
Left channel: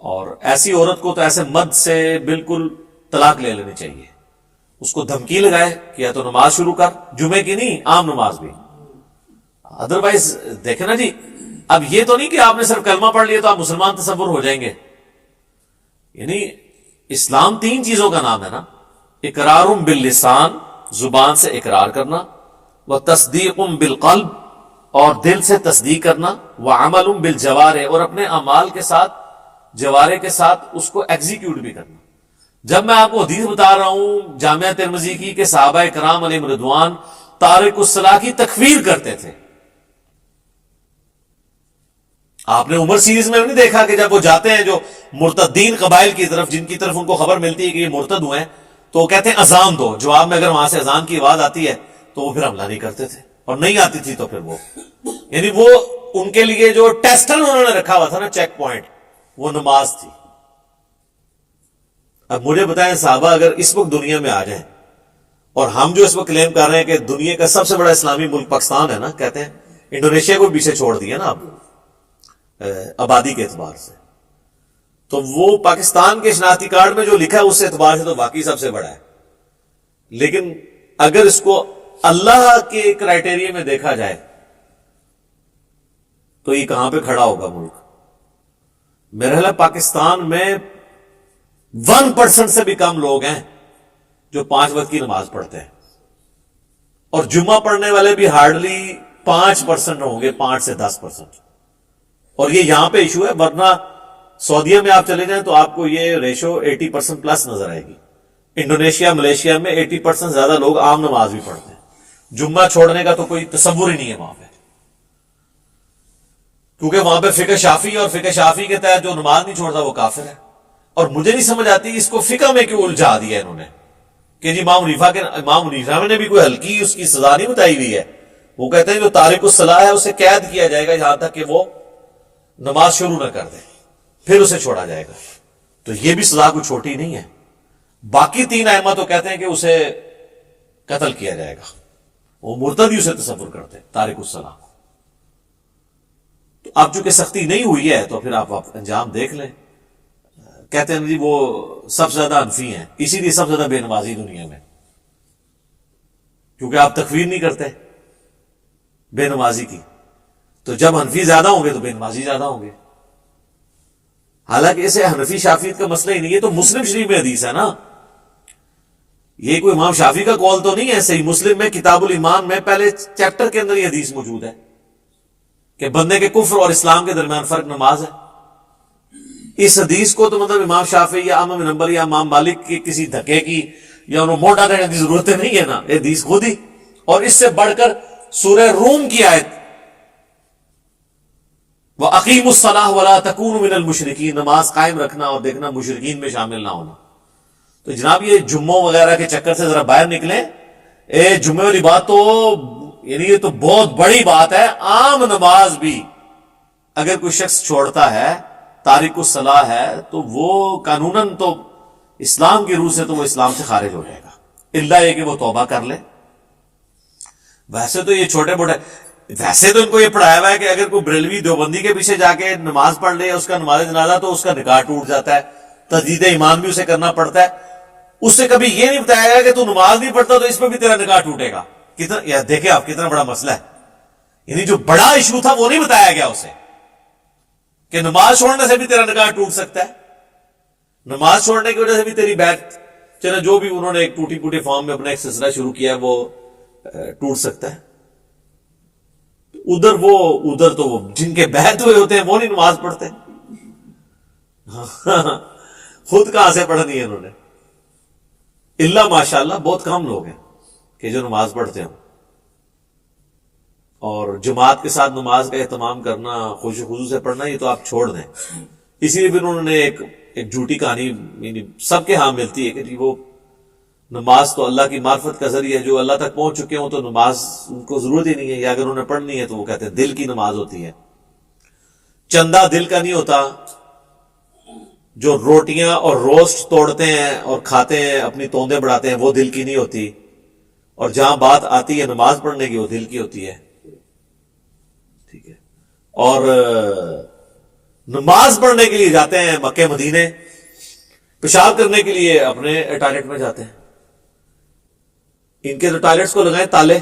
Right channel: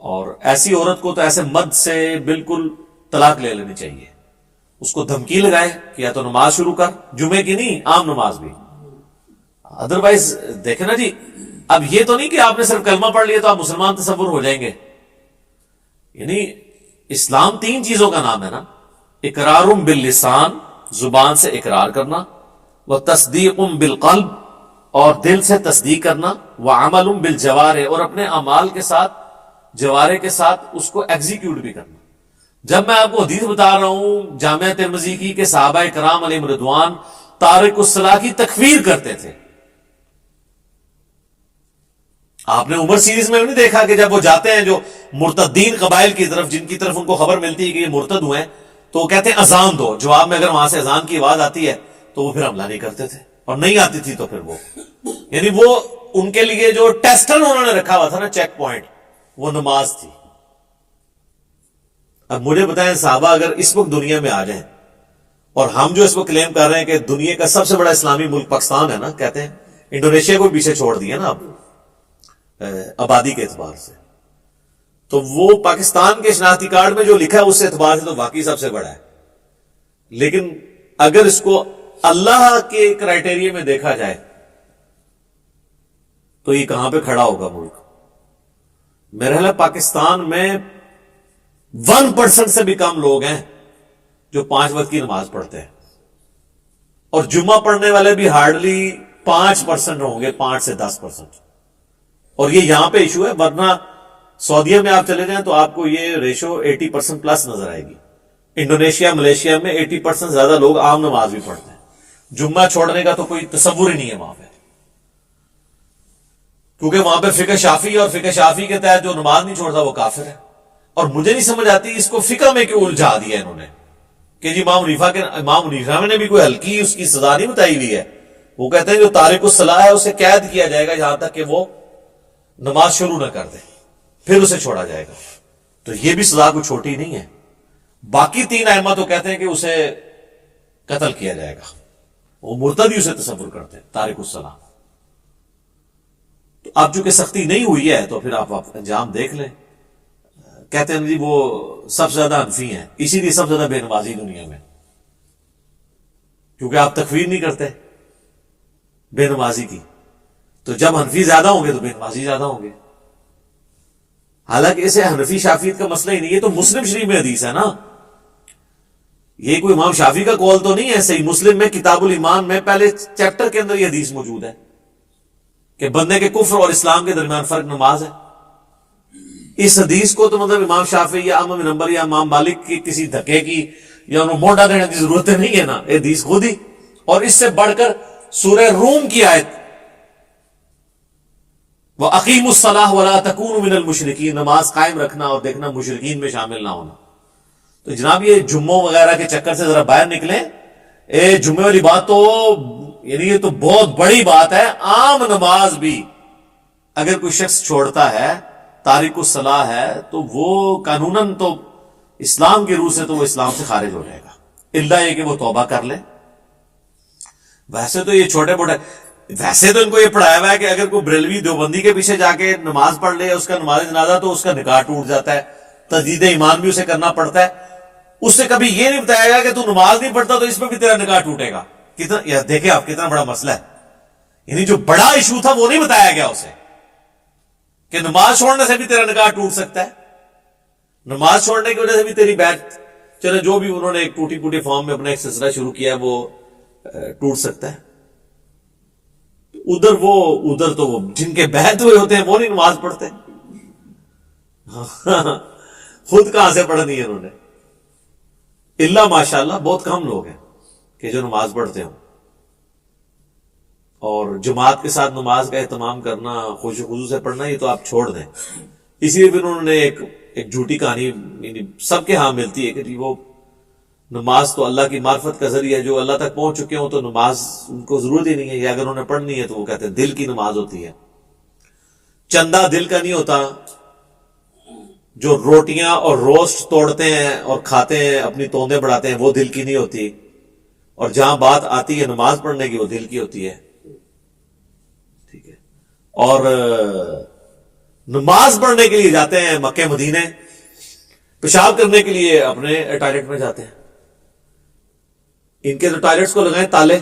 اور ایسی عورت کو تو ایسے مد سے بالکل طلاق لے لینی چاہیے. اس کو دھمکی لگائے کہ یا تو نماز شروع کر، جمعے کی نہیں عام نماز بھی. ادروائز دیکھیں نا جی، اب یہ تو نہیں کہ آپ نے صرف کلمہ پڑھ لیا تو آپ مسلمان تصور ہو جائیں گے. یعنی اسلام 3 چیزوں کا نام ہے نا، اقرار باللسان، زبان سے اقرار کرنا، وتصدیق بالقلب، اور دل سے تصدیق کرنا، وعمل بالجوارح، اور اپنے اعمال کے ساتھ، جوارح کے ساتھ اس کو ایگزیکیوٹ بھی کرنا. جب میں آپ کو حدیث بتا رہا ہوں جامعہ ترمذی کی کہ صحابہ کرام علیہم رضوان تارک الصلاح کی تکفیر کرتے تھے، آپ نے عمر سیریز میں بھی نہیں دیکھا کہ جب وہ جاتے ہیں جو مرتدین قبائل کی طرف، جن کی طرف ان کو خبر ملتی ہے کہ یہ مرتد ہوئے ہیں، تو وہ کہتے ہیں اذان دو. جواب میں اگر وہاں سے اذان کی آواز آتی ہے تو وہ پھر حملہ نہیں کرتے تھے، اور نہیں آتی تھی تو پھر وہ، یعنی وہ ان کے لیے جو ٹیسٹر انہوں نے رکھا ہوا تھا نا، چیک پوائنٹ، وہ نماز تھی. اب مجھے بتائیں صحابہ اگر اس وقت دنیا میں آ جائیں اور ہم جو اس وقت کلیم کر رہے ہیں کہ دنیا کا سب سے بڑا اسلامی ملک پاکستان ہے نا، کہتے ہیں انڈونیشیا کو پیچھے چھوڑ دیا نا اب آبادی کے اعتبار سے، تو وہ پاکستان کے شناختی کارڈ میں جو لکھا ہے اس اعتبار سے تو واقعی سب سے بڑا ہے. لیکن اگر اس کو اللہ کے کرائٹیریا میں دیکھا جائے تو یہ کہاں پہ کھڑا ہوگا ملک؟ میرا خیال ہے پاکستان میں 1% سے بھی کم لوگ ہیں جو 5 وقت کی نماز پڑھتے ہیں، اور جمعہ پڑھنے والے بھی ہارڈلی 5% ہوں گے، 5 سے 10%. اور یہ یہاں پہ ایشو ہے، ورنہ سعودیہ میں آپ چلے جائیں تو آپ کو یہ ریشو 80% پلس نظر آئے گی. انڈونیشیا، ملیشیا میں 80% زیادہ لوگ عام نماز بھی پڑھتے ہیں. جمعہ چھوڑنے کا تو کوئی تصور ہی نہیں ہے وہاں پہ، کیونکہ وہاں پہ فقہ شافی اور فقہ شافی کے تحت جو نماز نہیں چھوڑتا وہ کافر ہے. اور مجھے نہیں سمجھ آتی اس کو فقہ میں کیوں الجھا دیا انہوں نے کہ جی امام حنیفہ نے بھی کوئی ہلکی اس کی سزا نہیں بتائی ہوئی ہے. وہ کہتے ہیں جو تارک الصلاح ہے اسے قید کیا جائے گا یہاں تک کہ وہ نماز شروع نہ کر دے، پھر اسے چھوڑا جائے گا. تو یہ بھی سزا کوئی چھوٹی نہیں ہے. باقی 3 ائمہ تو کہتے ہیں کہ اسے قتل کیا جائے گا، وہ مرتد ہی اسے تصور کرتے ہیں تارک الصلاح. تو اب چونکہ سختی نہیں ہوئی ہے تو پھر آپ انجام دیکھ لیں. کہتے ہیں جی وہ سب سے زیادہ حنفی ہیں، اسی لیے سب سے زیادہ بے نمازی دنیا میں، کیونکہ آپ تکفیر نہیں کرتے بے نمازی کی. تو جب حنفی زیادہ ہوں گے تو بے نمازی زیادہ ہوں گے. حالانکہ اسے حنفی شافیت کا مسئلہ ہی نہیں ہے، تو مسلم شریف میں حدیث ہے نا، یہ کوئی امام شافی کا قول تو نہیں ہے. صحیح مسلم میں کتاب الایمان میں پہلے چیپٹر کے اندر یہ حدیث موجود ہے کہ بندے کے کفر اور اسلام کے درمیان فرق نماز ہے. اس حدیث کو تو مطلب امام شافعی یا امام بن حنبل یا امام مالک کی کسی دھکے کی یا انہوں مونڈا دینے کی ضرورت نہیں ہے نا، یہ حدیث خود ہی. اور اس سے بڑھ کر سورہ روم کی آیت وَأَقِيمُوا الصَّلَاةَ وَلَا تَكُونُوا مِنَ الْمُشْرِكِينَ، نماز قائم رکھنا اور دیکھنا مشرکین میں شامل نہ ہونا. تو جناب یہ جمعوں وغیرہ کے چکر سے ذرا باہر نکلیں. جمعے والی بات تو یعنی یہ تو بہت بڑی بات ہے. عام نماز بھی اگر کوئی شخص چھوڑتا ہے، تارک الصلاح ہے، تو وہ قانوناً تو اسلام کی روح سے تو وہ اسلام سے خارج ہو جائے گا، الا یہ کہ وہ توبہ کر لے. ویسے تو یہ چھوٹے موٹے، ویسے تو ان کو یہ پڑھایا ہوا ہے کہ اگر کوئی بریلوی دیوبندی کے پیچھے جا کے نماز پڑھ لے اس کا نماز جنازہ تو اس کا نکاح ٹوٹ جاتا ہے، تجدید ایمان بھی اسے کرنا پڑتا ہے. اس سے کبھی یہ نہیں بتایا گا کہ تو نماز نہیں پڑھتا تو اس میں بھی تیرا نکاح ٹوٹے گا. کتنا یار دیکھیں آپ کتنا بڑا مسئلہ ہے. یعنی جو بڑا ایشو تھا وہ نہیں بتایا گیا اسے کہ نماز چھوڑنے سے بھی تیرا نکاح ٹوٹ سکتا ہے، نماز چھوڑنے کی وجہ سے بھی تیری بیعت، چلے جو بھی انہوں نے ایک ٹوٹی پوٹی فارم میں اپنا ایک سلسلہ شروع کیا ہے وہ ٹوٹ سکتا ہے. ادھر تو وہ جن کے بیعت ہوئے ہوتے ہیں وہ نہیں نماز پڑھتے. خود کہاں سے پڑھنی ہے انہوں نے؟ اللہ ماشاءاللہ بہت کم لوگ ہیں کہ جو نماز پڑھتے ہوں. اور جماعت کے ساتھ نماز کا اہتمام کرنا، خوش و خضوع سے پڑھنا، یہ تو آپ چھوڑ دیں. اسی لیے پھر انہوں نے ایک جھوٹی کہانی یعنی سب کے ہاں ملتی ہے کہ وہ نماز تو اللہ کی معرفت کا ذریعہ ہے، جو اللہ تک پہنچ چکے ہوں تو نماز ان کو ضرورت ہی نہیں ہے، یا اگر انہوں نے پڑھنی ہے تو وہ کہتے ہیں دل کی نماز ہوتی ہے. چندہ دل کا نہیں ہوتا. جو روٹیاں اور روسٹ توڑتے ہیں اور کھاتے ہیں، اپنی توندیں بڑھاتے ہیں، وہ دل کی نہیں ہوتی. اور جہاں بات آتی ہے نماز پڑھنے کی وہ دل کی ہوتی ہے. ٹھیک ہے. اور نماز پڑھنے کے لیے جاتے ہیں مکے مدینے، پیشاب کرنے کے لیے اپنے ٹوائلٹ میں جاتے ہیں. ان کے تو ٹوائلٹس کو لگائیں تالے،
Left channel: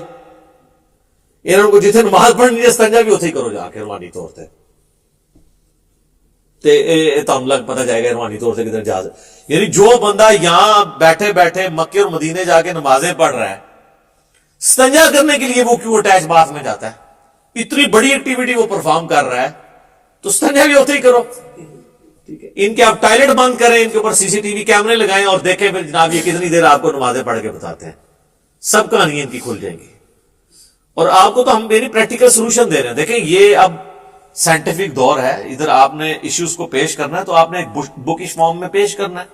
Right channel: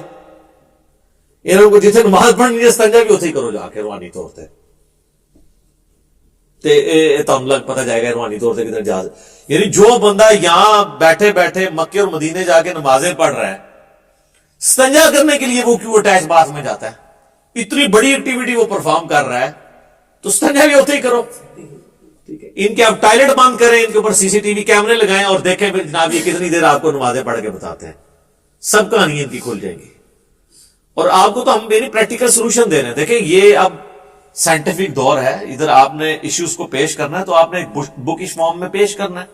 انہوں کو جتنے نماز پڑھنی ہے استنجا بھی اتنے ہی کرو جا کے روحانی طور سے. تم لگ پتہ جائے گا روحانی طور سے کدھر جا. یعنی جو بندہ یہاں بیٹھے بیٹھے مکے اور مدینے جا کے نمازیں پڑھ رہا ہے، استنجا کرنے کے لیے وہ کیوں اٹیچ باتھ میں جاتا ہے؟ اتنی بڑی ایکٹیویٹی وہ پرفارم کر رہا ہے تو استنجا بھی ہوتے ہی کرو. ٹھیک ہے. ان کے آپ ٹوائلٹ بند کریں، ان کے اوپر سی سی ٹی وی کیمرے لگائیں اور دیکھیں پھر جناب یہ کتنی دیر آپ کو نمازیں پڑھ کے بتاتے ہیں. سب کہانیاں ان کی کھل جائیں گی. اور آپ کو تو ہم یعنی پریکٹیکل سولوشن دے رہے ہیں. دیکھیں یہ اب سائنٹیفک دور ہے، ادھر آپ نے ایشوز کو پیش کرنا ہے تو آپ نے ایک بکش فارم میں پیش کرنا ہے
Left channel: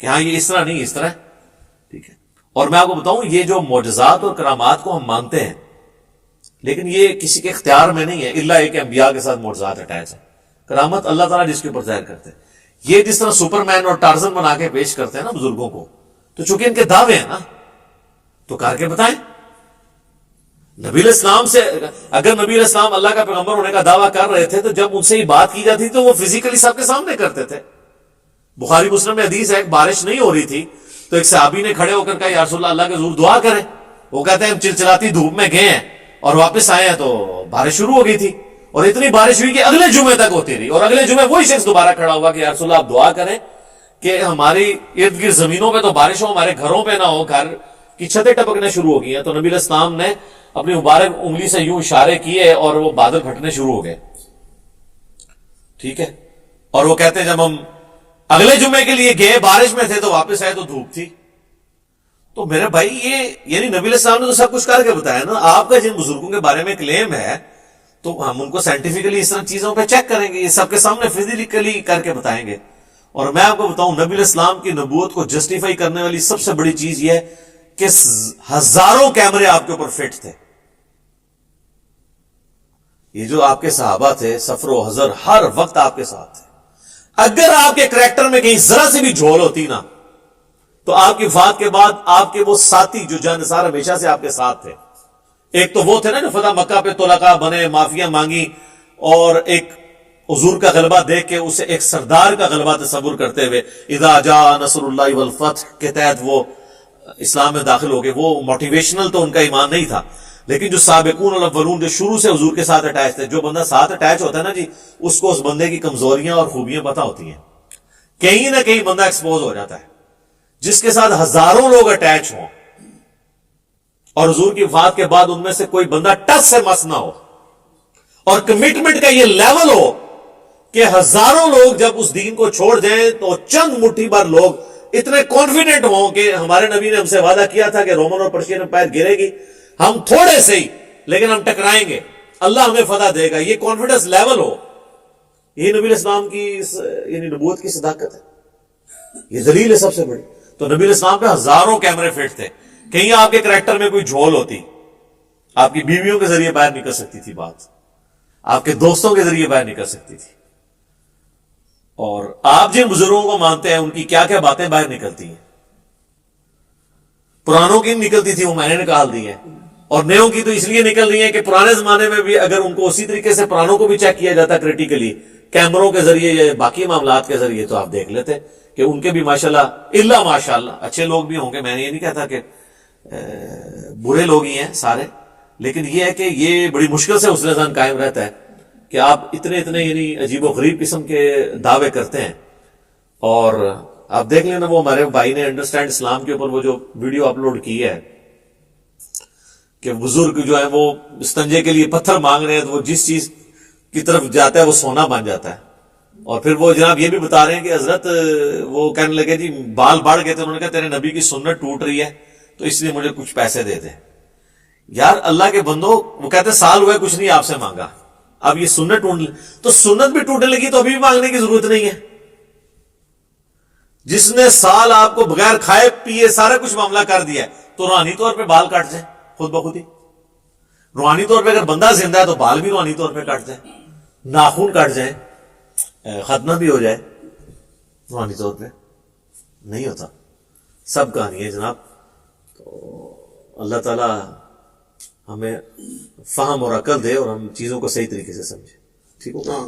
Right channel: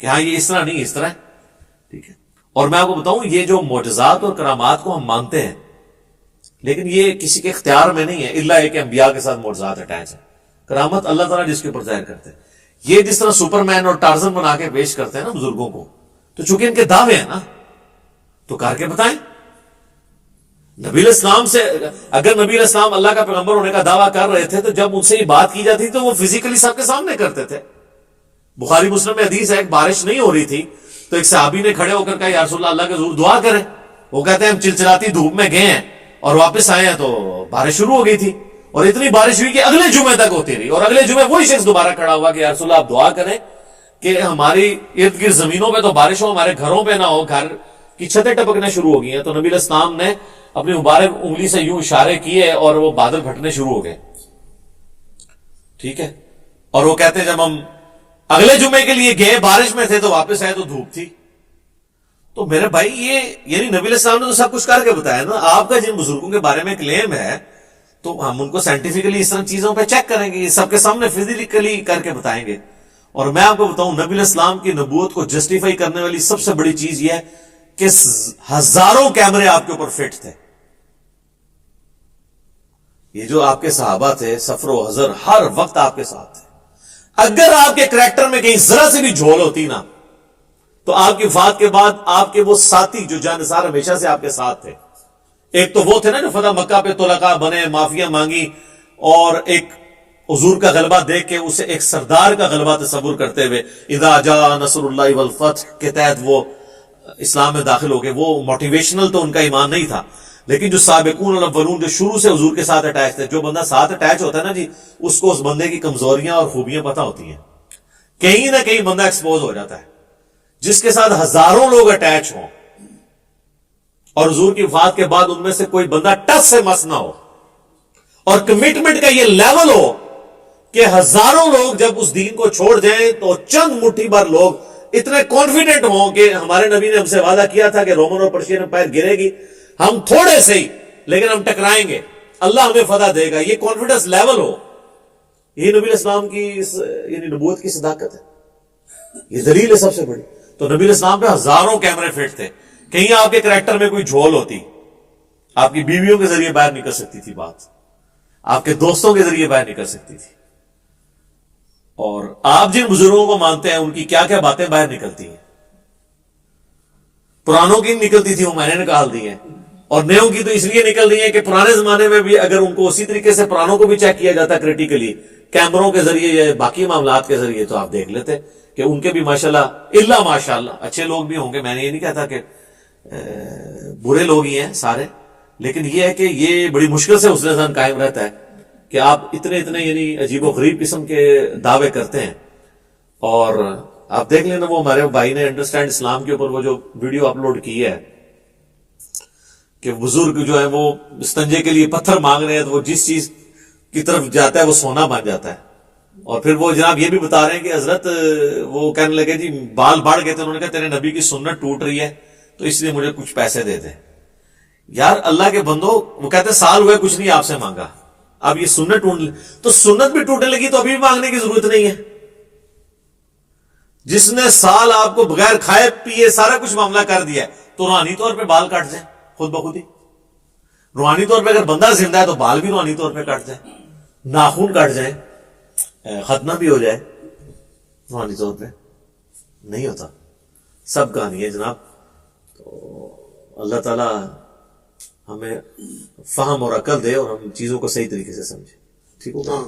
کہ ہاں یہ اس طرح نہیں اس طرح ہے. ٹھیک ہے. اور میں آپ کو بتاؤں یہ جو معجزات اور کرامات کو ہم مانتے ہیں لیکن یہ کسی کے اختیار میں نہیں ہے، الا ایک انبیاء کے ساتھ معجزات اٹیچ ہے. کرامت اللہ تعالیٰ جس کے اوپر ظاہر کرتے ہیں. یہ جس طرح سپر مین اور ٹارزن بنا کے پیش کرتے ہیں نا بزرگوں کو، تو چونکہ ان کے دعوے ہیں نا تو کر کے بتائیں. نبی علیہ السلام سے اگر نبی علیہ السلام اللہ کا پیغمبر ہونے کا دعویٰ کر رہے تھے تو جب ان سے یہ بات کی جاتی تو وہ فزیکلی سب کے سامنے کرتے تھے. بخاری مسلم میں حدیث ہے، بارش نہیں ہو رہی تھی تو ایک صحابی نے کھڑے ہو کر کہا یا رسول اللہ کے حضور دعا کریں. وہ کہتے ہیں ہم چلچلاتی دھوپ میں گئے ہیں اور واپس آئے ہیں تو بارش شروع ہو گئی تھی، اور اتنی بارش ہوئی کہ اگلے جمعے تک ہوتی رہی، اور اگلے جمعے وہی شخص دوبارہ کھڑا ہوا کہ یا رسول اللہ آپ دعا کریں کہ ہماری ارد گرد زمینوں پہ تو بارش ہو، ہمارے گھروں پہ نہ ہو، گھر کی چھتیں ٹپکنے شروع ہو گئی ہیں. تو نبی علیہ السلام نے اپنی مبارک انگلی سے یوں اشارے کیے اور وہ بادل پھٹنے شروع ہو گئے. ٹھیک ہے، اور وہ کہتے ہیں جب ہم اگلے جمعے کے لیے گئے بارش میں تھے تو واپس آئے تو دھوپ تھی. تو میرے بھائی یہ یعنی نبی علیہ السلام نے تو سب کچھ کر کے بتایا نا. آپ کا جن بزرگوں کے بارے میں کلیم ہے تو ہم ان کو سائنٹیفکلی اس طرح چیزوں پہ چیک کریں گے، یہ سب کے سامنے فزیکلی کر کے بتائیں گے. اور میں آپ کو بتاؤں نبی علیہ السلام کی نبوت کو جسٹیفائی کرنے والی سب سے بڑی چیز یہ ہے کہ ہزاروں کیمرے آپ کے اوپر فٹ تھے. یہ جو آپ کے صحابہ تھے سفر و حضر ہر وقت آپ کے ساتھ تھے. اگر آپ کے کریکٹر میں کہیں ذرا سی بھی جھول ہوتی نا تو آپ کی وفات کے بعد آپ کے وہ ساتھی جو جانثار ہمیشہ سے آپ کے ساتھ تھے، ایک تو وہ تھے نا جو فتح مکہ پہ طلقاء بنے، معافیاں مانگی، اور ایک حضور کا غلبہ دیکھ کے اسے ایک سردار کا غلبہ تصور کرتے ہوئے اذا جاء نصر اللہ والفتح کے تحت وہ اسلام میں داخل ہو گئے. وہ موٹیویشنل تو ان کا ایمان نہیں تھا، لیکن جو سابقون الاولون جو شروع سے حضور کے ساتھ اٹیچ تھے، جو بندہ ساتھ اٹیچ ہوتا ہے نا جی، اس کو اس بندے کی کمزوریاں اور خوبیاں پتہ ہوتی ہیں. کہیں نہ کہیں بندہ ایکسپوز ہو جاتا ہے. جس کے ساتھ ہزاروں لوگ اٹیچ ہوں اور حضور کی وفات کے بعد ان میں سے کوئی بندہ ٹچ سے مس نہ ہو، اور کمٹمنٹ کا یہ لیول ہو کہ ہزاروں لوگ جب اس دین کو چھوڑ جائیں تو چند مٹھی بھر لوگ اتنے کانفیڈنٹ ہوں کہ ہمارے نبی نے ہم سے وعدہ کیا تھا کہ رومن اور پرشین امپائر گرے گی، ہم تھوڑے سے ہی لیکن ہم ٹکرائیں گے، اللہ ہمیں فتح دے گا، یہ کانفیڈنس لیول ہو. یہ نبی علیہ السلام کی یعنی نبوت کی صداقت ہے، یہ دلیل ہے سب سے بڑی. تو نبی علیہ السلام پہ ہزاروں کیمرے فٹ تھے. کہیں آپ کے کریکٹر میں کوئی جھول ہوتی، آپ کی بیویوں کے ذریعے باہر نکل سکتی تھی بات، آپ کے دوستوں کے ذریعے باہر نکل سکتی تھی، اور آپ جن بزرگوں کو مانتے ہیں ان کی کیا کیا باتیں باہر نکلتی ہیں. پرانوں کی نکلتی تھی وہ میں نے نکال دی ہیں، اور نیوں کی تو اس لیے نکل رہی ہیں کہ پرانے زمانے میں بھی اگر ان کو اسی طریقے سے پرانوں کو بھی چیک کیا جاتا کریٹیکلی کیمروں کے ذریعے یا باقی معاملات کے ذریعے تو آپ دیکھ لیتے کہ ان کے بھی ماشاءاللہ الا ماشاءاللہ اچھے لوگ بھی ہوں گے. میں نے یہ نہیں کہتا کہ برے لوگ ہی ہیں سارے، لیکن یہ ہے کہ یہ بڑی مشکل سے حسن ظن قائم رہتا ہے کہ آپ اتنے یعنی عجیب و غریب قسم کے دعوے کرتے ہیں. اور آپ دیکھ لینا وہ ہمارے بھائی نے انڈرسٹینڈ اسلام کے اوپر وہ جو ویڈیو اپلوڈ کی ہے کہ بزرگ جو ہیں وہ استنجے کے لیے پتھر مانگ رہے ہیں تو وہ جس چیز کی طرف جاتا ہے وہ سونا بن جاتا ہے. اور پھر وہ جناب یہ بھی بتا رہے ہیں کہ حضرت وہ کہنے لگے جی بال بڑھ گئے تھے، انہوں نے کہا تیرے نبی کی سنت ٹوٹ رہی ہے تو اس لیے مجھے کچھ پیسے دے دیں. یار اللہ کے بندو، وہ کہتے ہیں سال ہوا کچھ نہیں آپ سے مانگا، اب یہ سنت ٹوٹ تو سنت بھی ٹوٹنے لگی تو ابھی بھی مانگنے کی ضرورت نہیں ہے. جس نے سال آپ کو بغیر کھائے پیے سارا کچھ معاملہ کر دیا ہے تو روحانی طور پہ بال کٹ جائیں خود بخود ہی. روحانی طور پہ اگر بندہ زندہ ہے تو بال بھی روحانی طور پہ کٹ جائیں، ناخن کٹ جائیں، ختنہ بھی ہو جائے، روحانی طور پہ نہیں ہوتا. سب کہانی ہے جناب. تو اللہ تعالی ہمیں فہم اور عقل دے اور ہم چیزوں کو صحیح طریقے سے سمجھیں. ٹھیک ہوگا.